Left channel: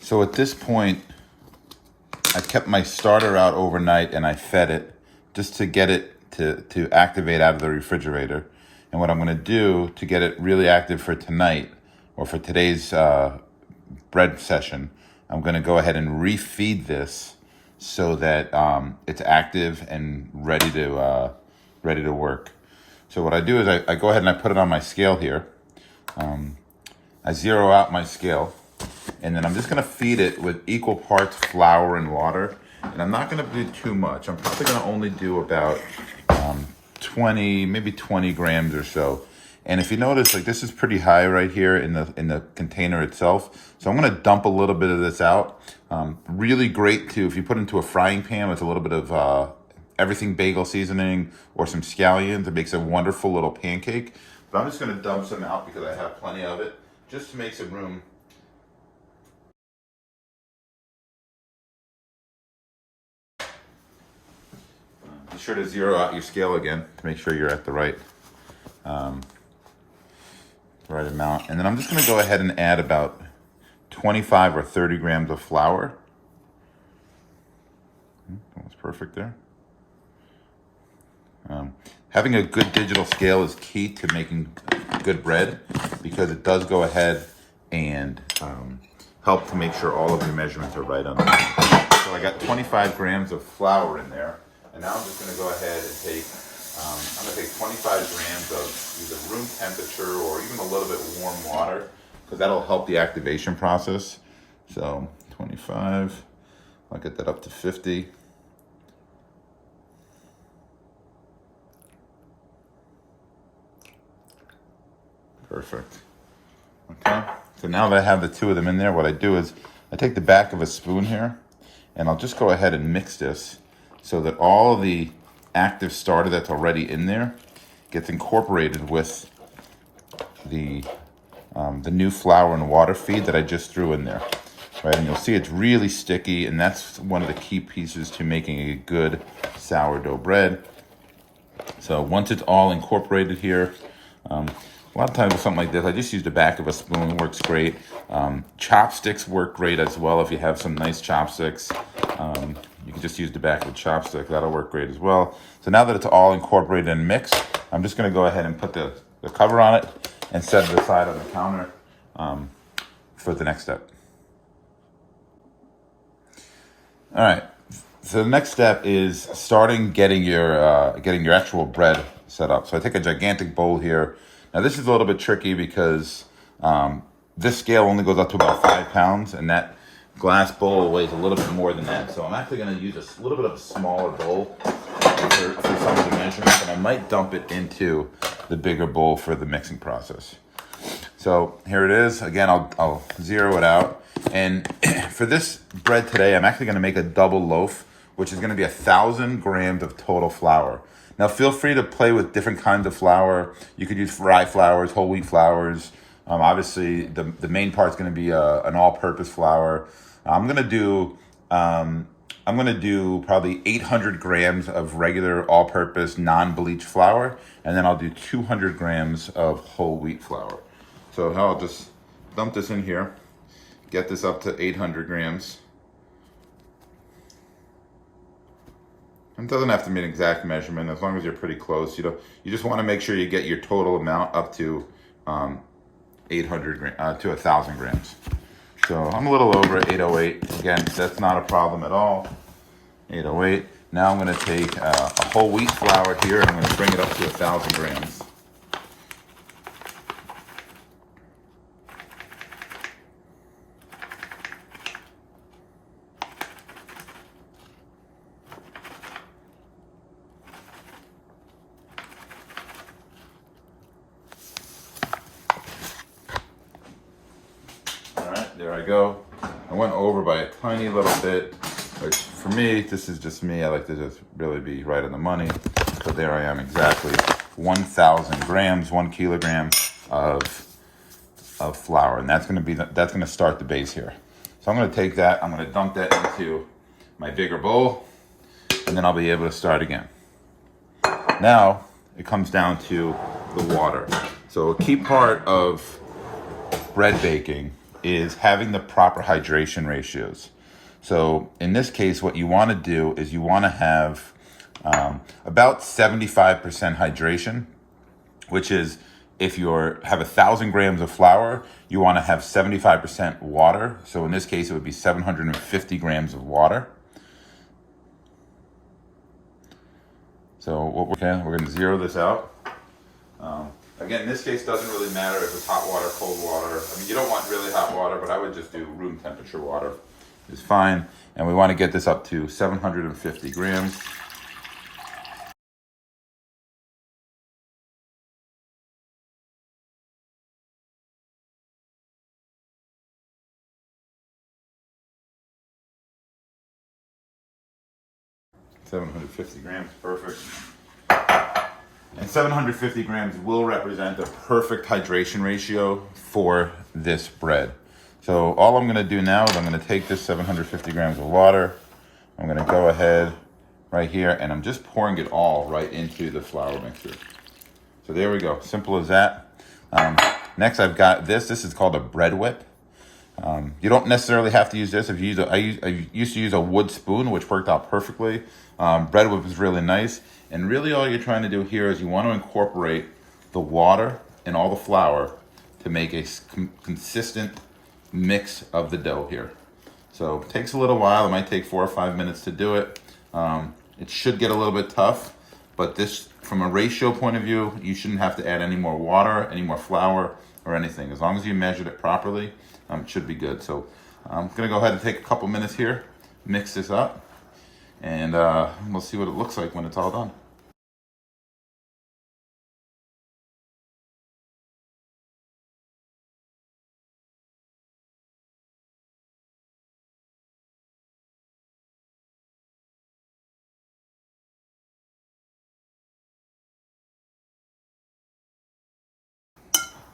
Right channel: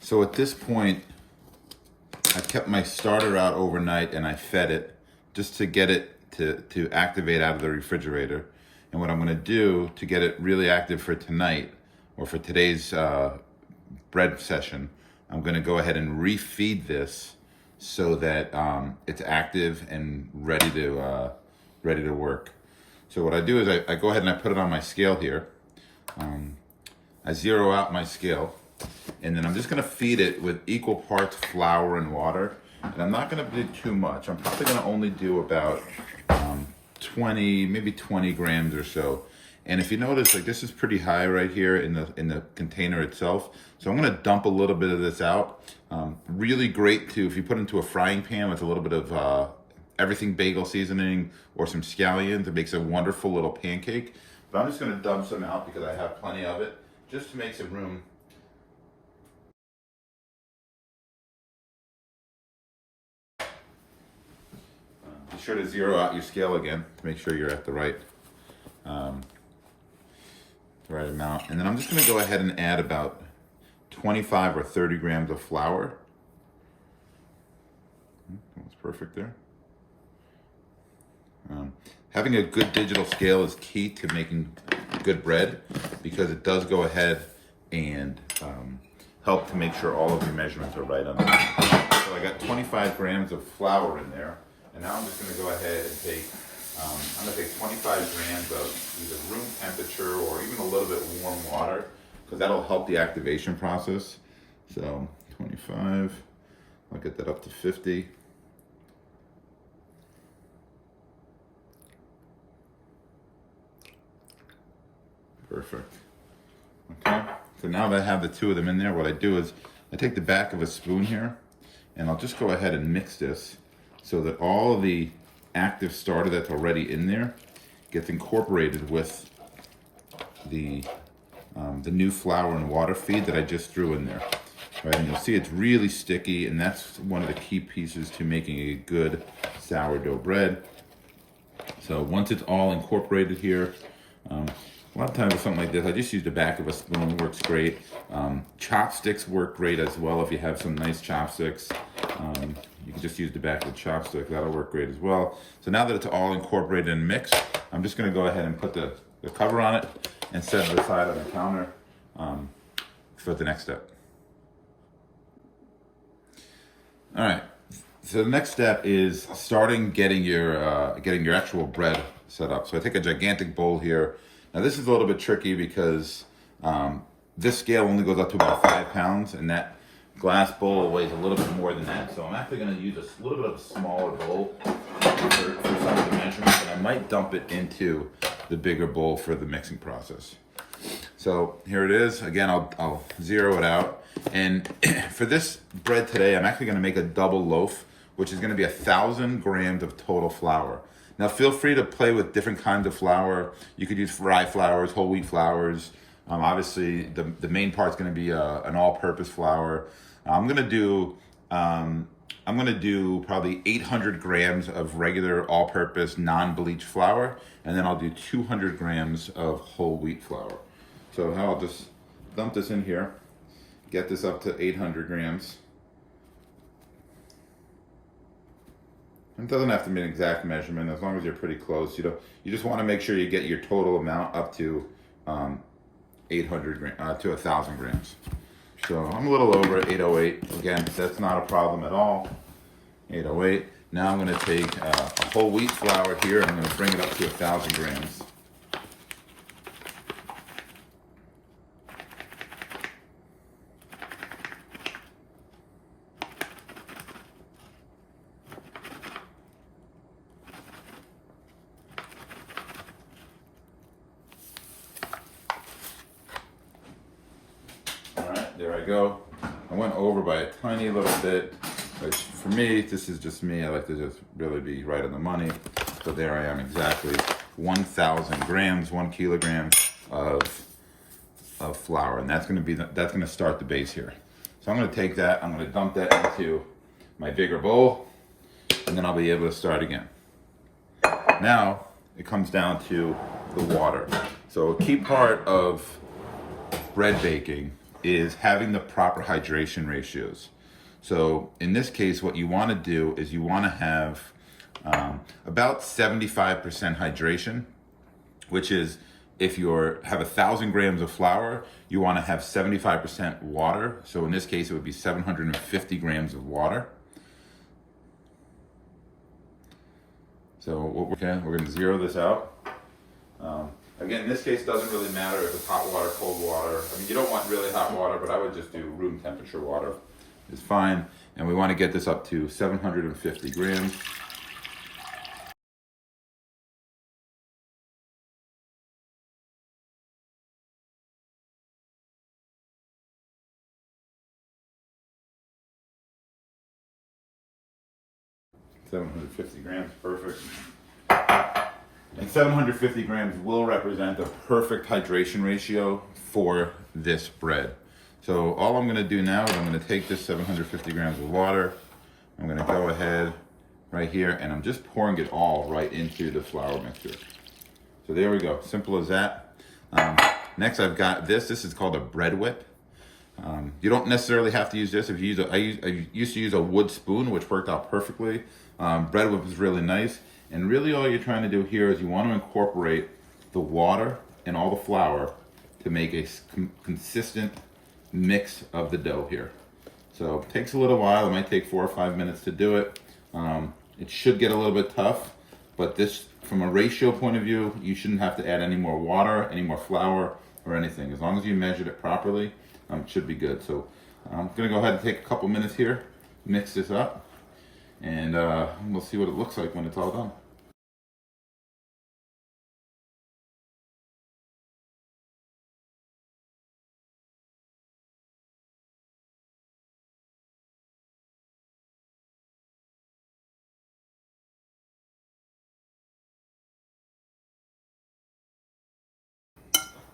So at this point, I kept my starter out overnight and I fed it just to get it to activate out of the refrigerator. And what I'm gonna do to get it really active for tonight or for today's bread session, I'm gonna go ahead and refeed this so that it's active and ready to work. So what I do is I go ahead and I put it on my scale here. I zero out my scale, and then I'm just gonna feed it with equal parts flour and water. And I'm not gonna do too much. I'm probably gonna only do about 20, maybe 20 grams or so. And if you notice, like this is pretty high right here in the container itself. So I'm gonna dump a little bit of this out. Really great too, if you put into a frying pan with a little bit of everything bagel seasoning or some scallions, it makes a wonderful little pancake. But I'm just gonna dump some out because I have plenty of it, just to make some room. Be sure to zero out your scale again to make sure you're at the right amount. And then I'm just gonna go ahead and add about 25 or 30 grams of flour. That's perfect there. Having a good digital scale is key to making good bread because it does go ahead and help to make sure all of your measurements are right on the line. So I got 25 grams of flour in there, and now I'm just going to go ahead and take, I'm going to take 25 grams of either room temperature or even a little bit warm water because that'll help the activation process. So 25, I'll get that up to 50. Perfect. Okay, so now that I have the two of them in there, what I do is I take the back of a spoon here and I'll just go ahead and mix this so that all of the active starter that's already in there gets incorporated with the new flour and water feed that I just threw in there. Right, and you'll see it's really sticky, and that's one of the key pieces to making a good sourdough bread. So once it's all incorporated here, a lot of times with something like this, I just use the back of a spoon, it works great. Chopsticks work great as well if you have some nice chopsticks. You can just use the back of the chopstick, that'll work great as well. So now that it's all incorporated and mixed, I'm just gonna go ahead and put the cover on it and set it aside on the counter for the next step. All right, so the next step is starting getting your actual bread set up. So I take a gigantic bowl here. Now this is a little bit tricky because this scale only goes up to about 5 pounds, and that glass bowl weighs a little bit more than that. So I'm actually going to use a little bit of a smaller bowl for some of the measurements, and I might dump it into the bigger bowl for the mixing process. So here it is. Again, I'll zero it out. And for this bread today, I'm actually going to make a double loaf, which is going to be 1,000 grams of total flour. Now feel free to play with different kinds of flour. You could use rye flours, whole wheat flours. Obviously, the main part is going to be an all-purpose flour. I'm going to do probably 800 grams of regular all-purpose non-bleached flour, and then I'll do 200 grams of whole wheat flour. So I'll just dump this in here, get this up to 800 grams. It doesn't have to be an exact measurement as long as you're pretty close. You just want to make sure you get your total amount up to 800 to 1,000 grams. So I'm a little over 808. Again, that's not a problem at all. 808. Now I'm going to take a whole wheat flour here and I'm going to bring it up to 1,000 grams. There I go. I went over by a tiny little bit, which for me, this is just me. I like to just really be right on the money. So there I am, exactly 1,000 grams, 1 kilogram of flour, and that's going to start the base here. So I'm going to take that. I'm going to dump that into my bigger bowl, and then I'll be able to start again. Now it comes down to the water. So a key part of bread baking is having the proper hydration ratios. So in this case, what you want to do is you want to have about 75% hydration, which is if you have 1,000 grams of flour, you want to have 75% water. So in this case, it would be 750 grams of water. So what we're going to zero this out. Again, in this case, doesn't really matter if it's hot water, cold water. I mean, you don't want really hot water, but I would just do room temperature water. It's fine. And we want to get this up to 750 grams. $750 grams, perfect. And 750 grams will represent a perfect hydration ratio for this bread. So all I'm gonna do now is I'm gonna take this 750 grams of water. I'm gonna go ahead right here and I'm just pouring it all right into the flour mixture. So there we go, simple as that. Next I've got this is called a bread whip. You don't necessarily have to use this. If you use I used to use a wood spoon, which worked out perfectly. Bread whip is really nice. And really all you're trying to do here is you want to incorporate the water and all the flour to make a consistent mix of the dough here. So it takes a little while. It might take 4 or 5 minutes to do it. It should get a little bit tough, but this, from a ratio point of view, you shouldn't have to add any more water, any more flour, or anything. As long as you measured it properly, it should be good. So I'm gonna go ahead and take a couple minutes here, mix this up, and we'll see what it looks like when it's all done.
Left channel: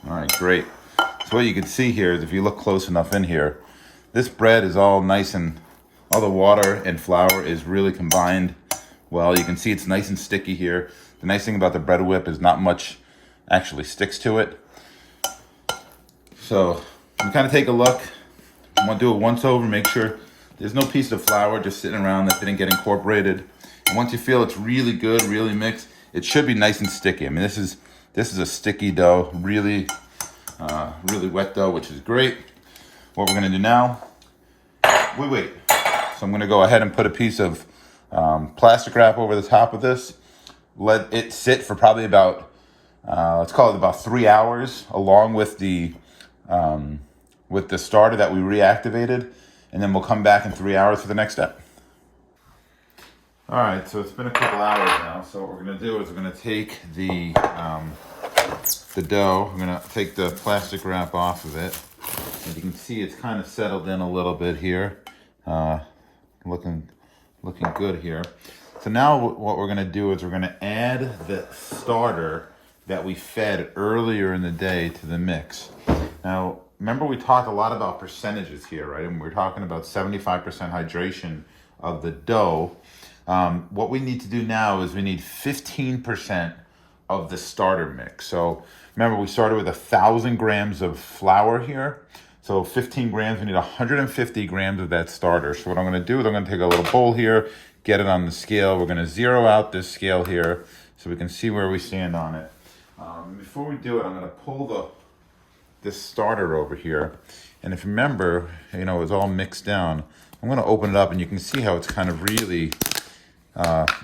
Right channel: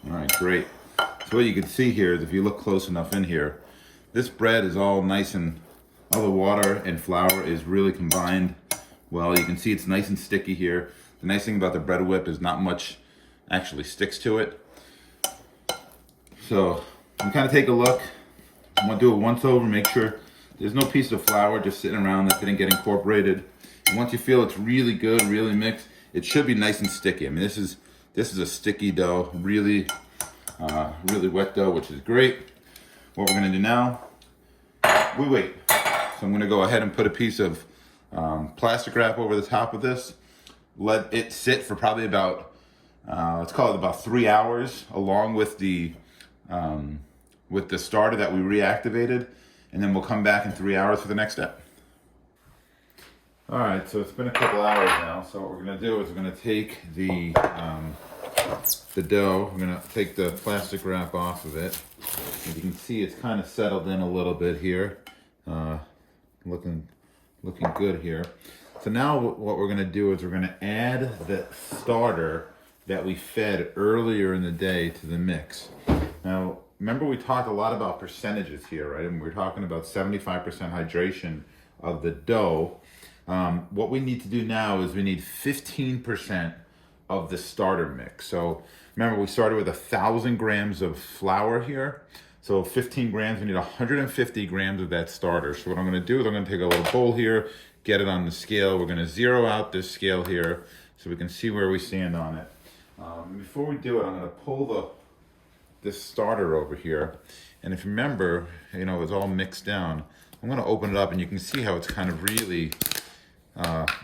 All right, great. So what you can see here is if you look close enough in here, this bread is all nice and all the water and flour is really combined well. You can see it's nice and sticky here. The nice thing about the bread whip is not much actually sticks to it. So you kind of take a look. I'm gonna do it once over, make sure there's no piece of flour just sitting around that didn't get incorporated. And once you feel it's really good, really mixed, it should be nice and sticky. I mean, this is a sticky dough, really wet dough, which is great. What we're gonna do now, we wait. So I'm gonna go ahead and put a piece of plastic wrap over the top of this. Let it sit for probably about, let's call it about 3 hours, along with the starter that we reactivated, and then we'll come back in 3 hours for the next step. All right, so it's been a couple hours now. So what we're gonna do is we're gonna take the dough. I'm gonna take the plastic wrap off of it. As you can see, it's kind of settled in a little bit here. Looking good here. So now what we're gonna do is we're gonna add the starter that we fed earlier in the day to the mix. Now, remember we talked a lot about percentages here, right? And we're talking about 75% hydration of the dough. What we need to do now is we need 15% of the starter mix. So remember, we started with 1,000 grams of flour here. So 15 grams, we need 150 grams of that starter. So what I'm gonna do is I'm gonna take a little bowl here, get it on the scale. We're gonna zero out this scale here so we can see where we stand on it. Before we do it, I'm gonna pull this starter over here. And if you remember, you know, it's all mixed down. I'm gonna open it up and you can see how it's kind of really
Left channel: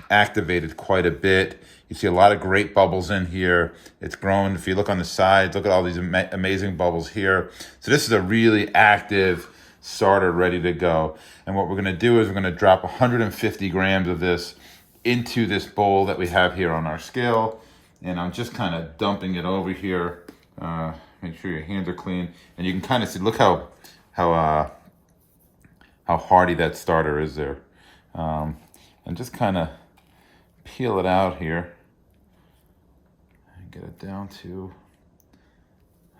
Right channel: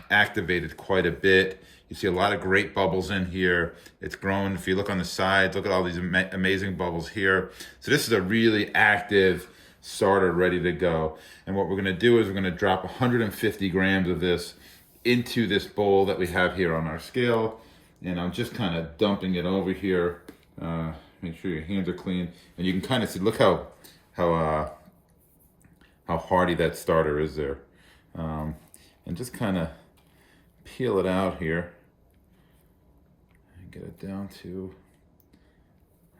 activated quite a bit. You see a lot of great bubbles in here. It's grown. If you look on the sides, look at all these amazing bubbles here. So this is a really active starter ready to go. And what we're gonna do is we're gonna drop 150 grams of this into this bowl that we have here on our scale. And I'm just kind of dumping it over here. Make sure your hands are clean. And you can kind of see, look how hearty that starter is there. And just kind of peel it out here and get it down to,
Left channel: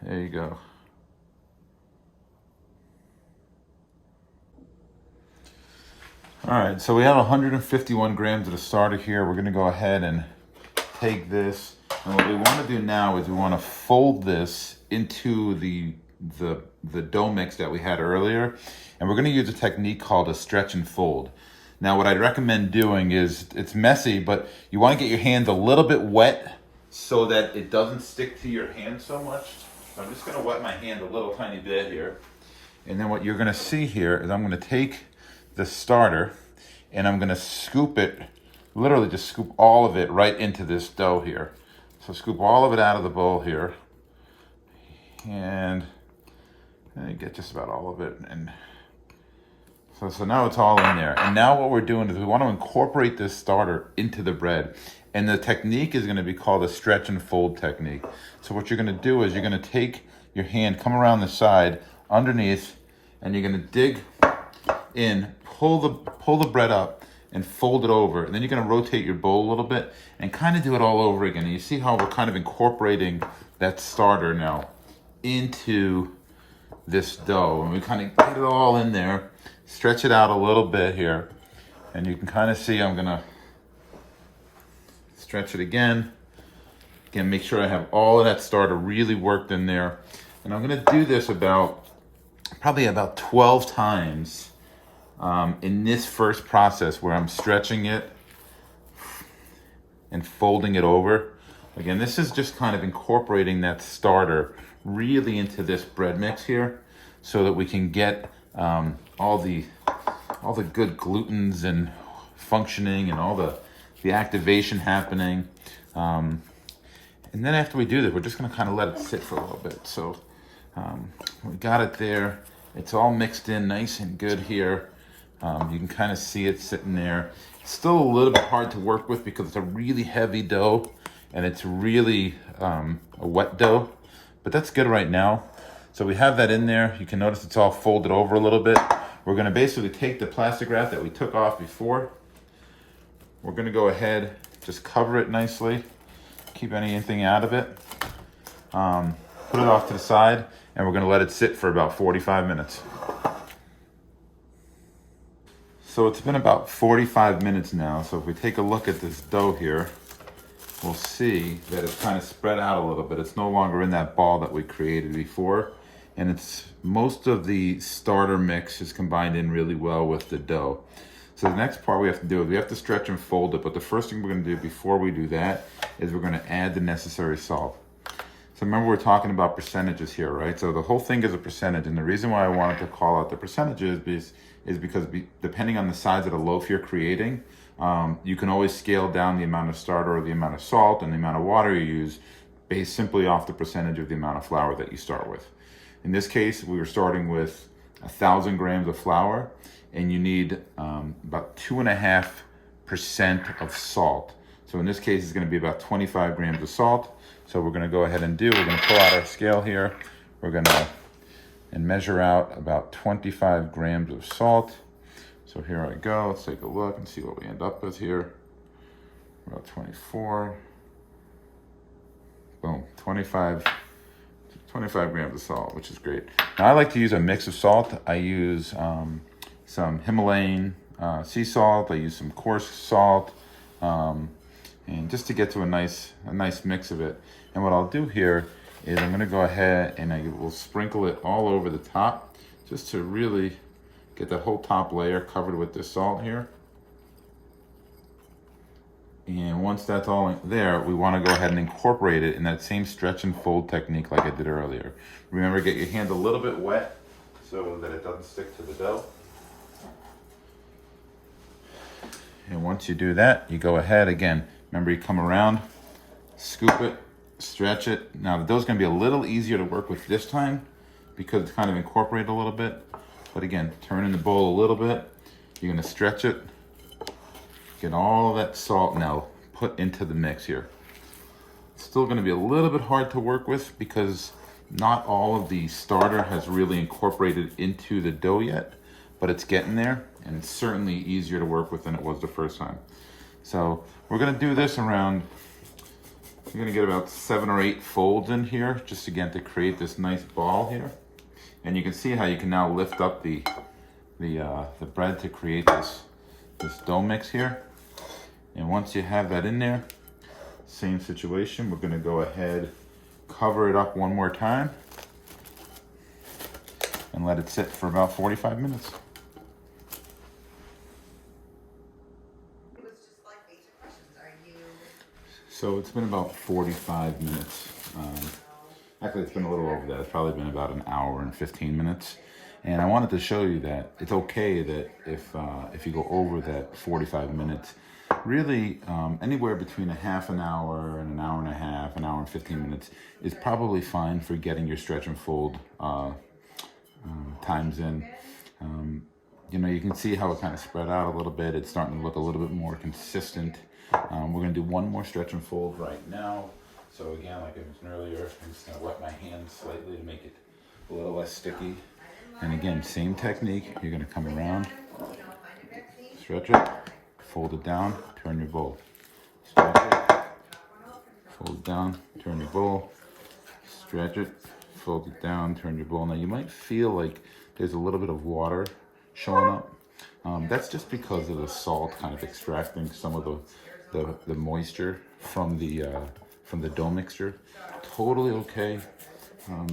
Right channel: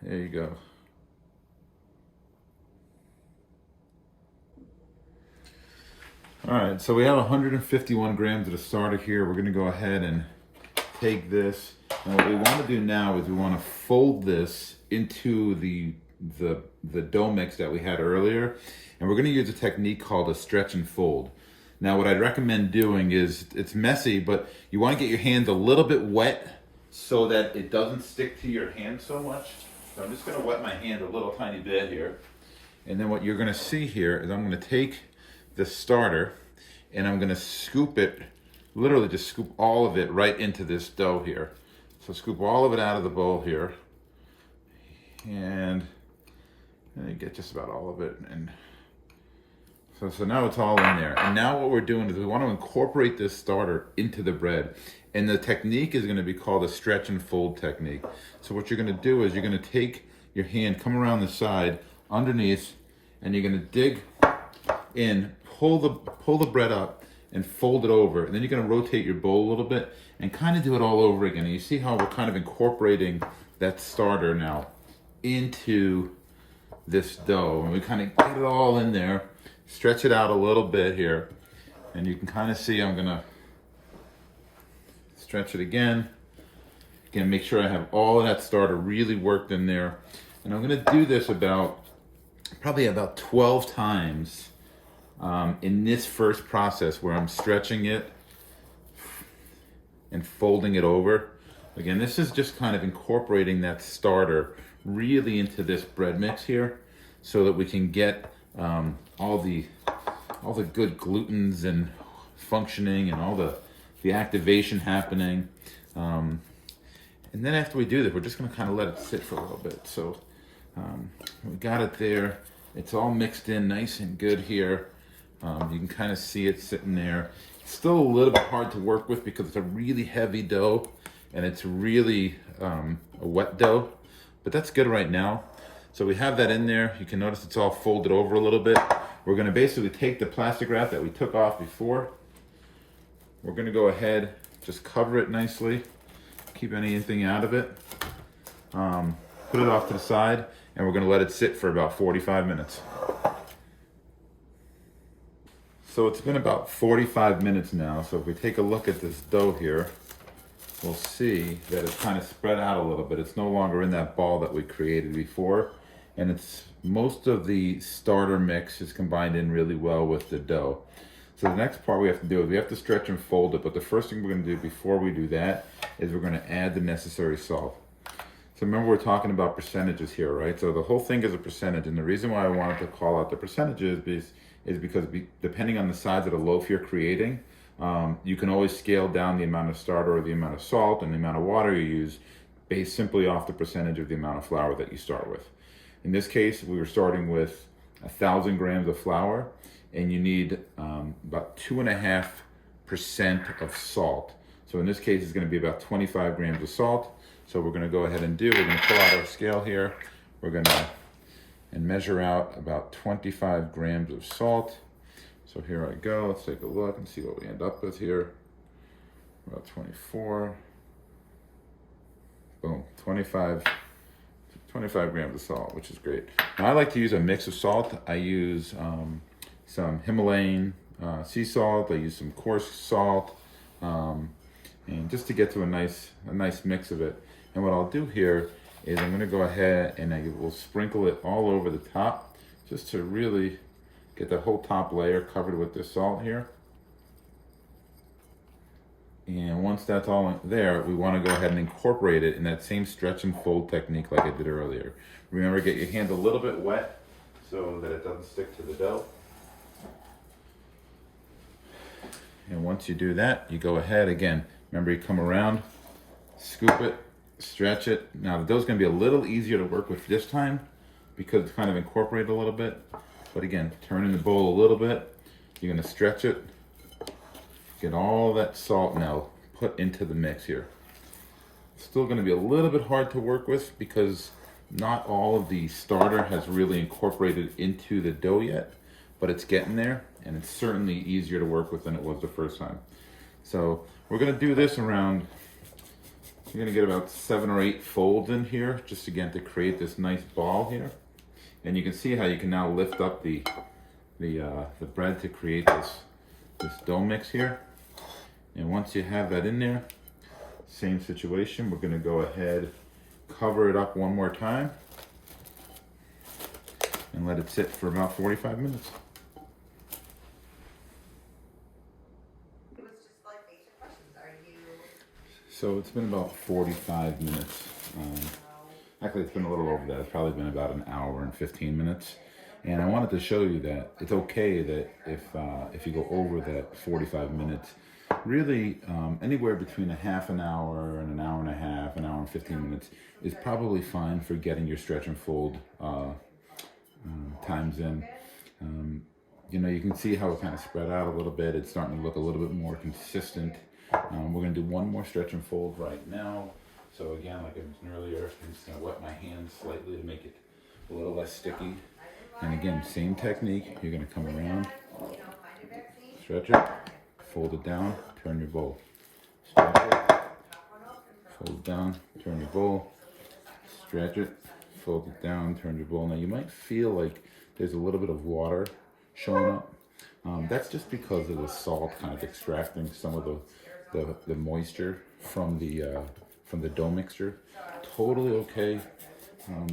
there you go. All right, so we have 151 grams of the starter here. We're gonna go ahead and take this. And what we wanna do now is we wanna fold this into the the dough mix that we had earlier, and we're going to use a technique called a stretch and fold. Now what I'd recommend doing is, it's messy, but you want to get your hands a little bit wet so that it doesn't stick to your hand so much. So I'm just going to wet my hand a little tiny bit here. And then what you're going to see here is I'm going to take the starter and I'm going to scoop it, literally just scoop all of it right into this dough here. So scoop all of it out of the bowl here. And get just about all of it. And so now it's all in there. And now what we're doing is we want to incorporate this starter into the bread. And the technique is going to be called a stretch and fold technique. So what you're going to do is you're going to take your hand, come around the side, underneath, and you're going to dig in, pull the bread up, and fold it over. And then you're going to rotate your bowl a little bit and kind of do it all over again. And you see how we're kind of incorporating that starter now into this dough. And we kind of get it all in there. Stretch it out a little bit here, and you can kind of see I'm gonna stretch it again. Again, make sure I have all of that starter really worked in there. And I'm gonna do this probably about 12 times in this first process where I'm stretching it and folding it over. Again, this is just kind of incorporating that starter really into this bread mix here so that we can get all the good glutens and functioning and all the activation happening. And then after we do this, we're just gonna kind of let it sit for a little bit. So we got it there. It's all mixed in nice and good here. You can kind of see it sitting there. It's still a little bit hard to work with because it's a really heavy dough and it's really a wet dough, but that's good right now. So we have that in there. You can notice it's all folded over a little bit. We're gonna basically take the plastic wrap that we took off before. We're gonna go ahead, just cover it nicely, keep anything out of it. Put it off to the side, and we're gonna let it sit for about 45 minutes. So it's been about 45 minutes now. So if we take a look at this dough here, we'll see that it's kind of spread out a little bit. It's no longer in that ball that we created before. And it's most of the starter mix is combined in really well with the dough. So the next part we have to do is we have to stretch and fold it. But the first thing we're going to do before we do that is we're going to add the necessary salt. So remember, we're talking about percentages here, right? So the whole thing is a percentage. And the reason why I wanted to call out the percentages is because depending on the size of the loaf you're creating, you can always scale down the amount of starter or the amount of salt and the amount of water you use based simply off the percentage of the amount of flour that you start with. In this case, we were starting with 1,000 grams of flour, and you need about 2.5% of salt. So in this case, it's going to be about 25 grams of salt. So we're going to go ahead and we're going to pull out our scale here. We're going to measure out about 25 grams of salt. So here I go. Let's take a look and see what we end up with here. About 24. Boom, 25 grams of salt, which is great. Now I like to use a mix of salt. I use some Himalayan sea salt. I use some coarse salt, and just to get to a nice mix of it. And what I'll do here is I'm going to go ahead and I will sprinkle it all over the top, just to really get the whole top layer covered with this salt here. And once that's all there, we want to go ahead and incorporate it in that same stretch and fold technique like I did earlier. Remember, get your hand a little bit wet so that it doesn't stick to the dough. And once you do that, you go ahead again. Remember, you come around, scoop it, stretch it. Now the dough's going to be a little easier to work with this time because it's kind of incorporated a little bit. But again, turn in the bowl a little bit. You're going to stretch it. Get all that salt now put into the mix here. It's still going to be a little bit hard to work with because not all of the starter has really incorporated into the dough yet, but it's getting there, and it's certainly easier to work with than it was the first time. So we're going to do this around, you're going to get about 7 or 8 folds in here, just again to create this nice ball here. And you can see how you can now lift up the bread to create this dough mix here. And once you have that in there, same situation, we're going to go ahead, cover it up one more time. and let it sit for about 45 minutes. So it's been about 45 minutes. Actually, it's been a little over that. It's probably been about an hour and 15 minutes. And I wanted to show you that it's okay that if you go over that 45 minutes, really anywhere between a half an hour and an hour and a half, an hour and 15 minutes is probably fine for getting your stretch and fold times in. You know, you can see how it kind of spread out a little bit. It's starting to look a little bit more consistent. We're going to do one more stretch and fold right now. So again, like I mentioned earlier, I'm just going to wet my hands slightly to make it a little less sticky. And again, same technique. You're going to come around, stretch it, fold it down, turn your bowl. Stretch it, fold it down, turn your bowl. Stretch it, fold it down, turn your bowl. Now you might feel like there's a little bit of water showing up. That's just because of the salt kind of extracting some of the moisture from the dough mixture. Totally okay.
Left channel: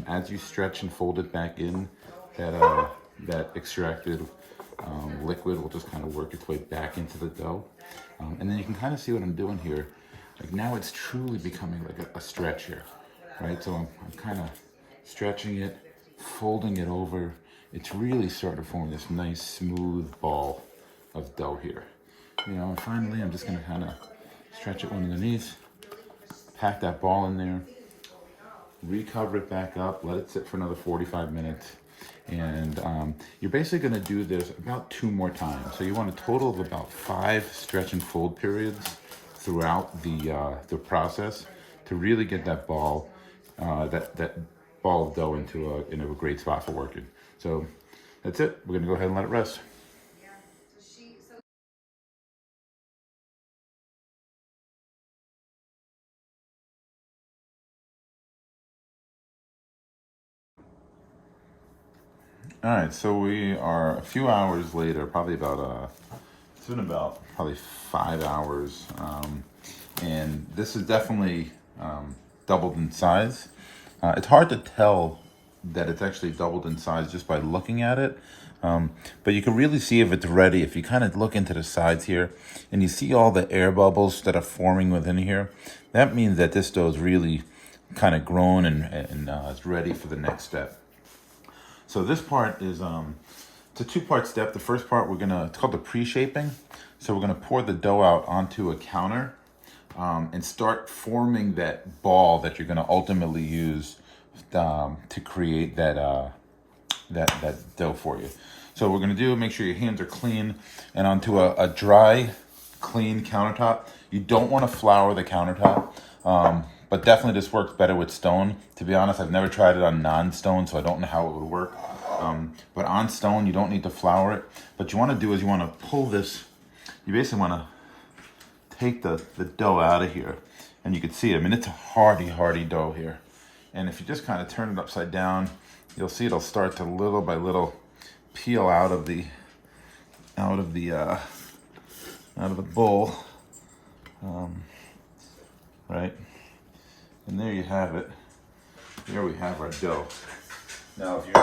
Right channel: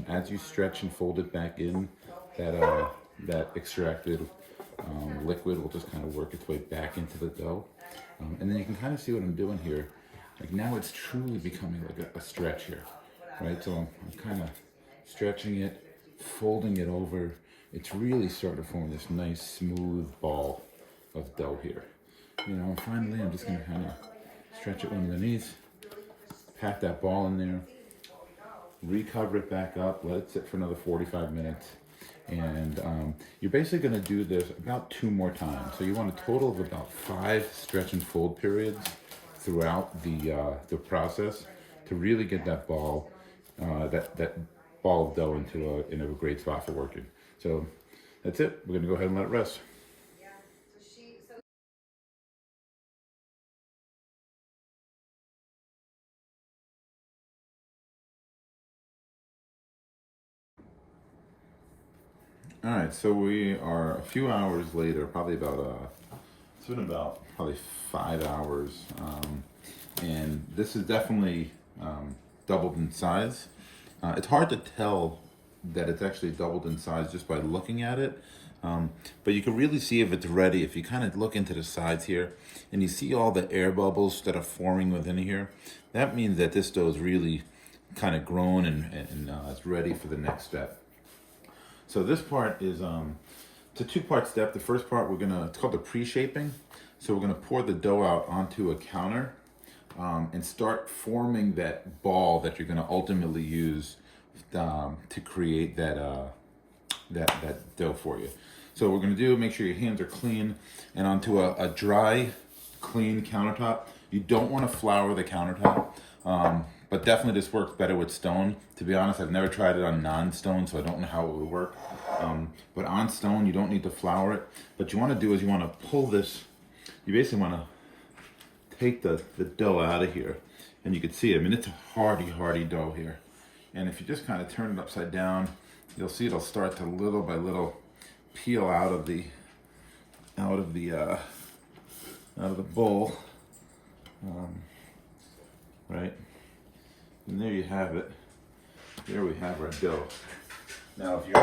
As you stretch and fold it back in, that extracted liquid will just kind of work its way back into the dough. And then you can kind of see what I'm doing here. Like now it's truly becoming like a stretch here, right? So I'm kind of stretching it, folding it over. It's really starting to form this nice smooth ball of dough here. You know, and finally I'm just gonna kind of stretch it underneath, pack that ball in there, recover it back up, let it sit for another 45 minutes. And you're basically going to do this about 2 more times. So you want a total of about 5 stretch and fold periods throughout the process to really get that ball, that ball of dough into a great spot for working. So that's it. We're going to go ahead and let it rest. All right, so we are a few hours later, probably about, it's been about probably 5 hours. And this is definitely doubled in size. It's hard to tell that it's actually doubled in size just by looking at it. But you can really see if it's ready if you kind of look into the sides here and you see all the air bubbles that are forming within here. That means that this dough is really kind of grown and it's ready for the next step. So this part is it's a 2-part step. The first part it's called the pre-shaping. So we're gonna pour the dough out onto a counter and start forming that ball that you're gonna ultimately use to create that dough for you. So what we're gonna do, make sure your hands are clean and onto a dry, clean countertop. You don't wanna flour the countertop. But definitely this works better with stone. To be honest, I've never tried it on non-stone, so I don't know how it would work. But on stone, you don't need to flour it. What you want to do is you want to pull this, you basically want to take the dough out of here. And you can see it, I mean, it's a hardy dough here. And if you just kind of turn it upside down, you'll see it'll start to little by little peel out of the bowl, right? And there you have it. Here we have our dough. Now, if you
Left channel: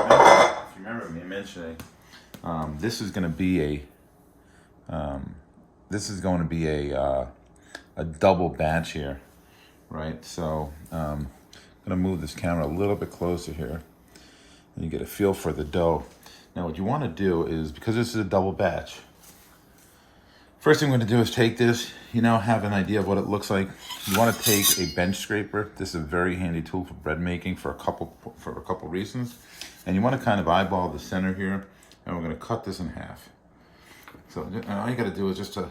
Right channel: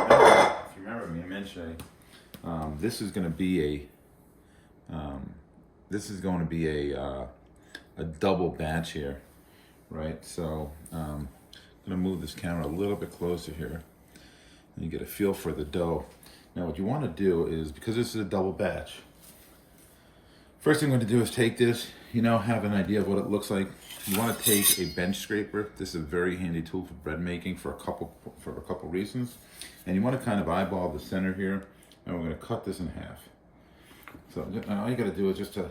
remember me mentioning, this is going to be a double batch here, right? So I'm going to move this camera a little bit closer here, and you get a feel for the dough. Now, what you want to do is, because this is a double batch, first thing I'm going to do is take this. You now have an idea of what it looks like. You want to take a bench scraper. This is a very handy tool for bread making for a couple reasons. And you want to kind of eyeball the center here, and we're going to cut this in half. So all you got to do is just a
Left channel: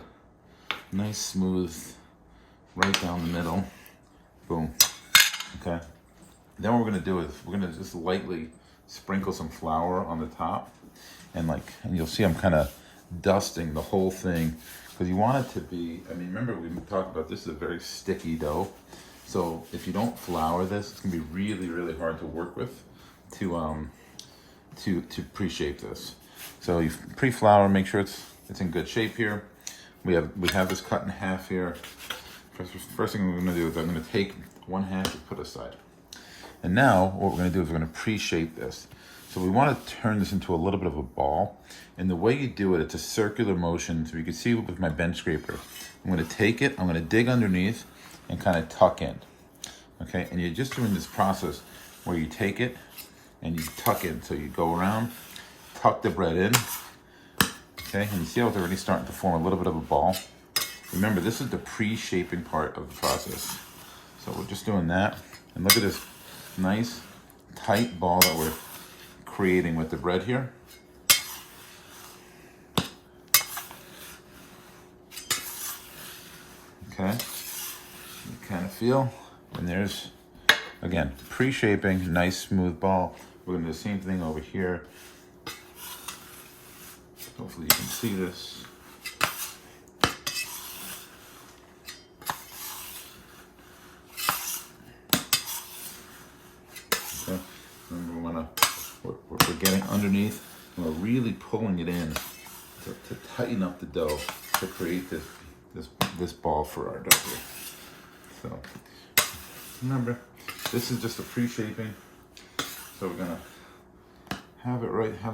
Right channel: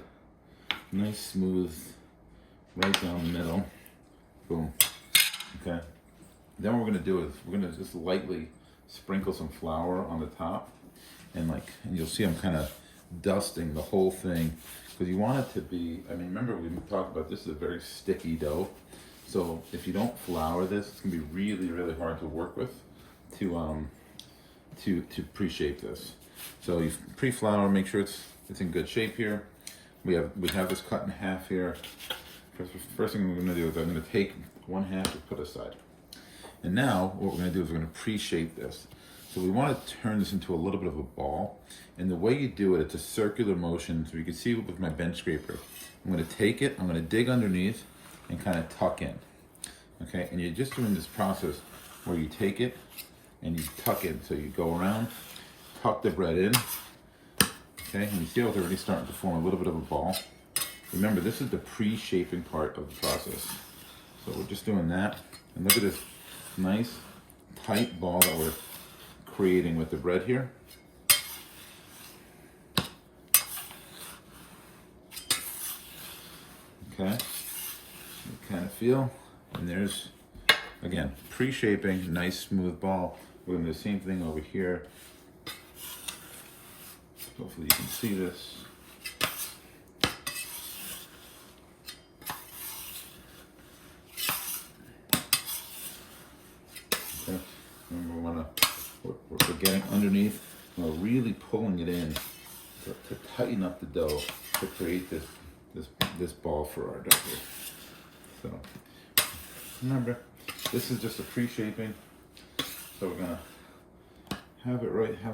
nice smooth right down the middle. Boom. Okay. Then what we're going to do is we're going to just lightly sprinkle some flour on the top, and you'll see I'm kind of dusting the whole thing. Because you want it to be, I mean, remember we talked about this is a very sticky dough. So if you don't flour this, it's gonna be really, really hard to work with to pre-shape this. So you pre-flour, make sure it's in good shape here. We have this cut in half here. First thing we're gonna do is I'm gonna take one half and put aside. And now what we're gonna do is we're gonna pre-shape this. So we want to turn this into a little bit of a ball. And the way you do it, it's a circular motion. So you can see with my bench scraper, I'm going to take it, I'm going to dig underneath and kind of tuck in. Okay, and you're just doing this process where you take it and you tuck in. So you go around, tuck the bread in. Okay, and you see how it's already starting to form a little bit of a ball. Remember, this is the pre-shaping part of the process. So we're just doing that. And look at this nice, tight ball that we're creating with the bread here. Okay, you kind of feel, and there's, again, pre-shaping, nice smooth ball. We're gonna do the same thing over here. Hopefully you can see this. Okay, remember we're getting underneath, and we're really pulling it in to tighten up the dough to create this ball for our dough here. So remember, this is just a pre-shaping. So we're gonna have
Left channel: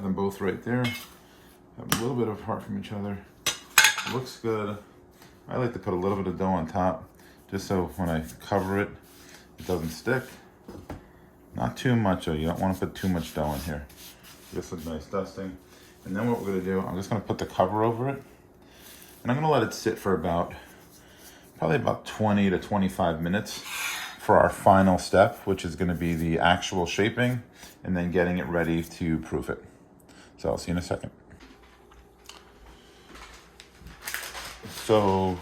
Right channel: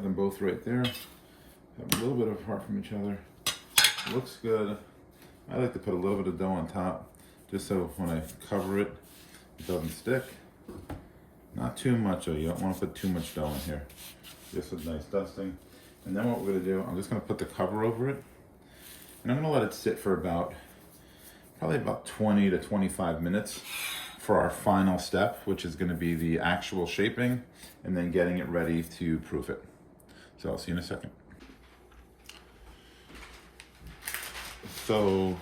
them both right there. Have a little bit apart from each other. It looks good. I like to put a little bit of dough on top, just so when I cover it, it doesn't stick. Not too much though, you don't want to put too much dough in here. Just a nice dusting. And then what we're gonna do, I'm just gonna put the cover over it. And I'm gonna let it sit for probably about 20 to 25 minutes for our final step, which is gonna be the actual shaping and then getting it ready to proof it. So I'll see you in a second. So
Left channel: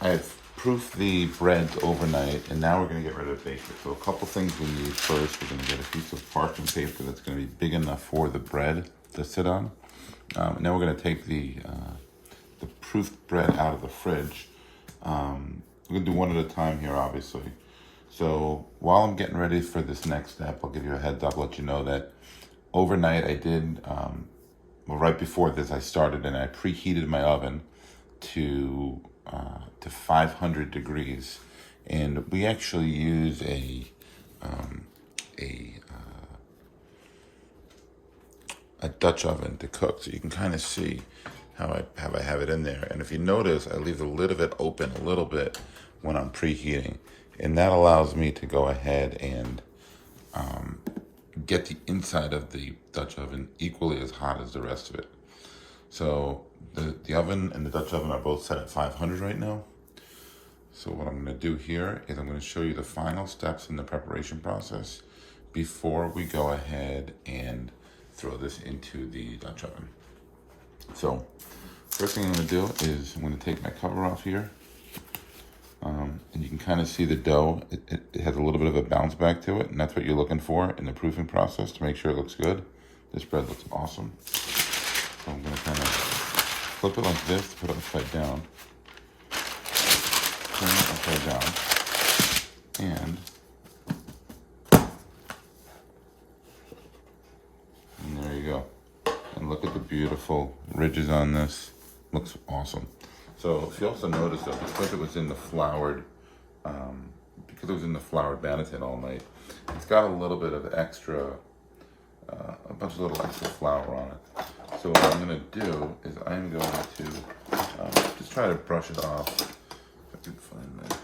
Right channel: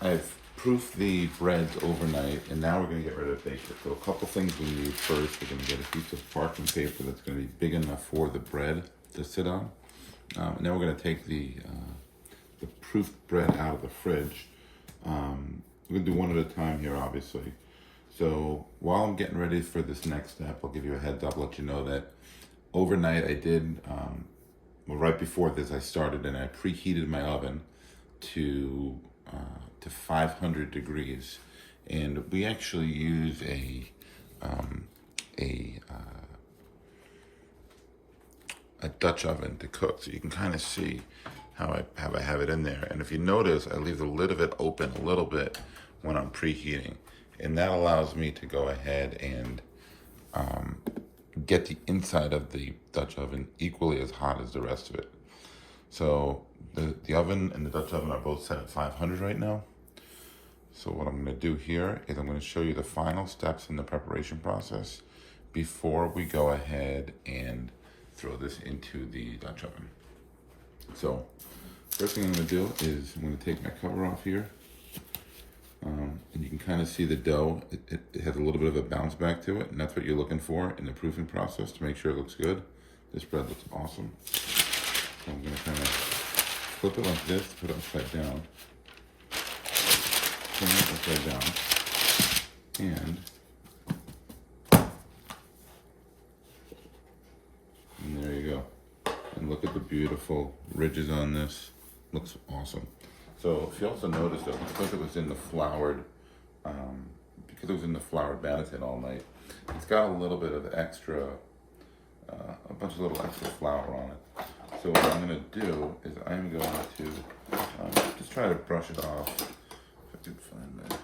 I've proofed the bread overnight, and now we're gonna get ready to bake it. So a couple things we need first. We're gonna get a piece of parchment paper that's gonna be big enough for the bread to sit on. And then we're gonna take the proofed bread out of the fridge. We're gonna do one at a time here, obviously. So while I'm getting ready for this next step, I'll give you a heads up, let you know that overnight I did, well, right before this I started and I preheated my oven to 500 degrees, and we actually use a Dutch oven to cook, so you can kind of see how I have it in there. And if you notice, I leave the lid of it open a little bit when I'm preheating, and that allows me to go ahead and get the inside of the Dutch oven equally as hot as the rest of it. So the oven and the Dutch oven are both set at 500 right now. So what I'm gonna do here is I'm gonna show you the final steps in the preparation process before we go ahead and throw this into the Dutch oven. So first thing I'm gonna do is I'm gonna take my cover off here. And you can kind of see the dough. It has a little bit of a bounce back to it, and that's what you're looking for in the proofing process to make sure it looks good. This bread looks awesome. So I'm gonna kind of flip it like this, put it upside down, turn it upside down, and there you go. And look at the beautiful ridges on this. Looks awesome. So if you also notice that because it was in the floured, banneton all night, it's got a little bit of extra, a bunch of little extra flour on it. So what I'm going to do is I'm going to just try to brush it off. If I can find that.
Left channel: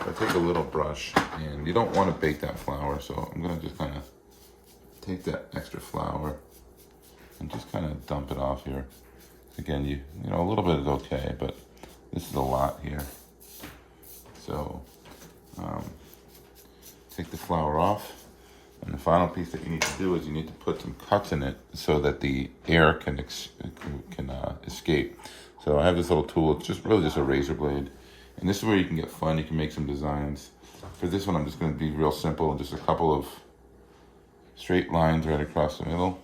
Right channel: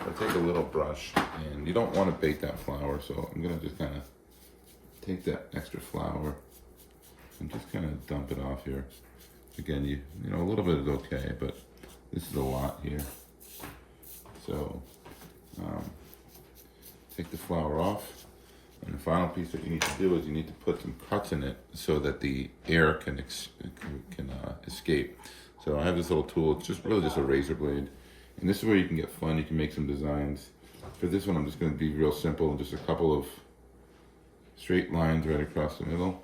I take a little brush, and you don't want to bake that flour, so I'm going to just kind of take that extra flour and just kind of dump it off here. Again, you know, a little bit is okay, but this is a lot here. So take the flour off, and the final piece that you need to do is you need to put some cuts in it so that the air can escape. So I have this little tool. It's just really just a razor blade, and this is where you can get fun. You can make some designs. For this one, I'm just going to be real simple and just a couple of straight lines right across the middle.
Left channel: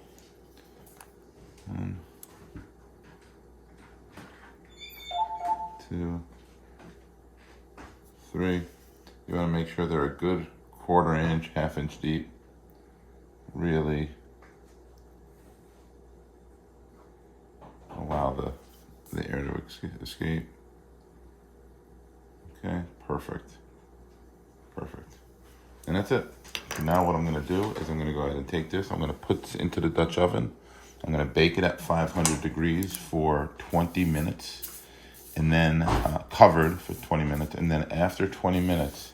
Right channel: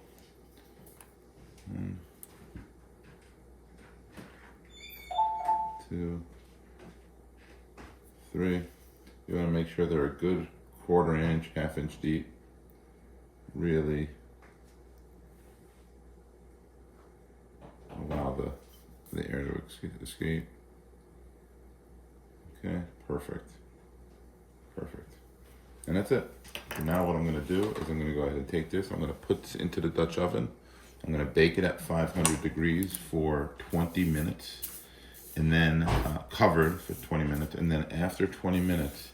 1, 2, 3. You want to make sure they're a good 1/4 inch, 1/2 inch deep. Really allow the air to escape. Okay, perfect. And that's it. now what I'm gonna do is I'm gonna go ahead and take this, I'm gonna put this into the Dutch oven. I'm gonna bake it at 500 degrees for 20 minutes, and then covered for 20 minutes. And then after 20 minutes,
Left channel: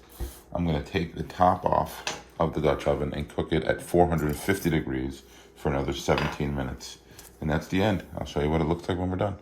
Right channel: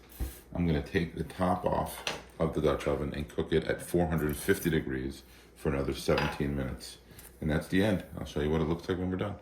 I'm gonna take the top off of the Dutch oven and cook it at 450 degrees for another 17 minutes. And that's the end. I'll show you what it looks like when we're done.